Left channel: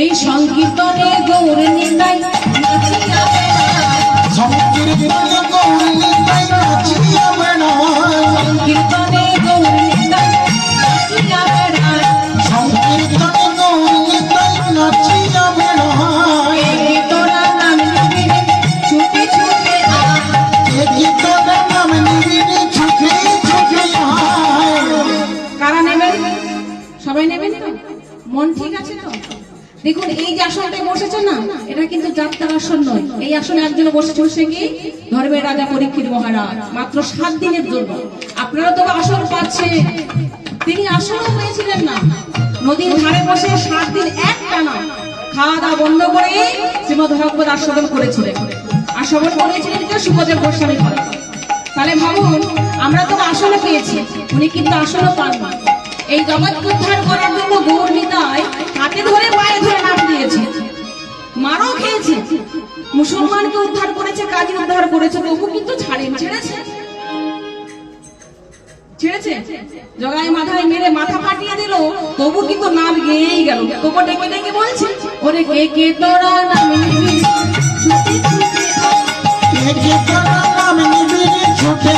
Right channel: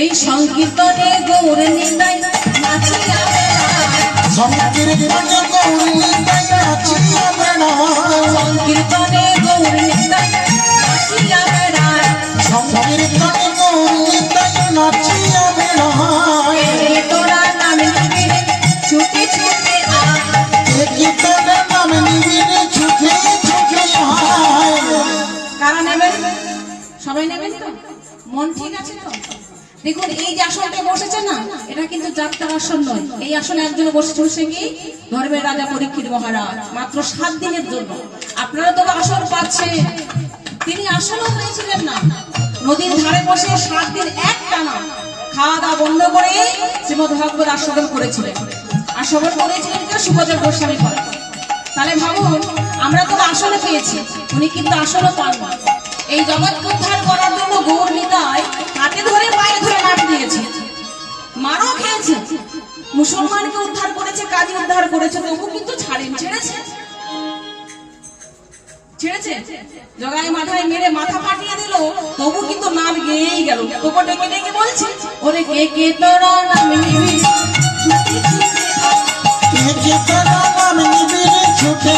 এই সংকীর্তনে গৌর নিতাই নাচিয়া বেড়ায়, সংকীর্তনে গৌর নিতাই নাচিয়া বেড়ায়, সংকীর্তনে গৌর নিতাই নাচিয়া বেড়ায়, সংকীর্তনে গৌর নিতাই নাচিয়া বেড়ায়। এই তোরা নাম নিবি ছুটে ছুটে আয়, এই তোরা নাম নিবি ছুটে ছুটে আয়। কারা নেবেন? সবাই নেবেন তো? মন ঠিক আছে তো? দেখুন এই যে আসনটা বসেছে না, এটা কিন্তু যাত্রার আসন নয়। এই আসনে একজন বসে কি ধর্মের রাজা পরীক্ষিত মহারাজ, মাত্র 7 দিনের জন্য। আপনারা তো আসন পাচ্ছেন, তিনি আসনও পেয়েছিলেন না। নদীর ধারে বসে 7 দিন একটানা খাওয়া দাওয়া বন্ধ করে শ্রীমদ ভাগবত আস্বাদন করেছিলেন। আস্বাদন করেছিলেন কে? সুখদেব গোস্বামী করেন। তাহলে ভাবুন, আমরা তো আসনে পেয়েছি, উনি কিন্তু আসনও পান না। এই জগৎকে উদ্ধার করার জন্য গৌর নিতাই হাতে ধরে পায়ে ধরে নাম দিয়েছে, মারও খেয়েছে, মুসলমানকে উদ্ধার করেছে, কাজী উদ্ধার করেছে, তবু কিন্তু ছেড়েছে জগাই মাথায় মেরে মাথা পাঠিয়ে দিল, তবু কিন্তু নাম গেয়েই গেল। তোকে ডেকে ডেকে বলছে, ওরে কে কে তোরা নাম নিবি ছুটে ছুটে আয়, কে কে তোরা নাম নিবি ছুটে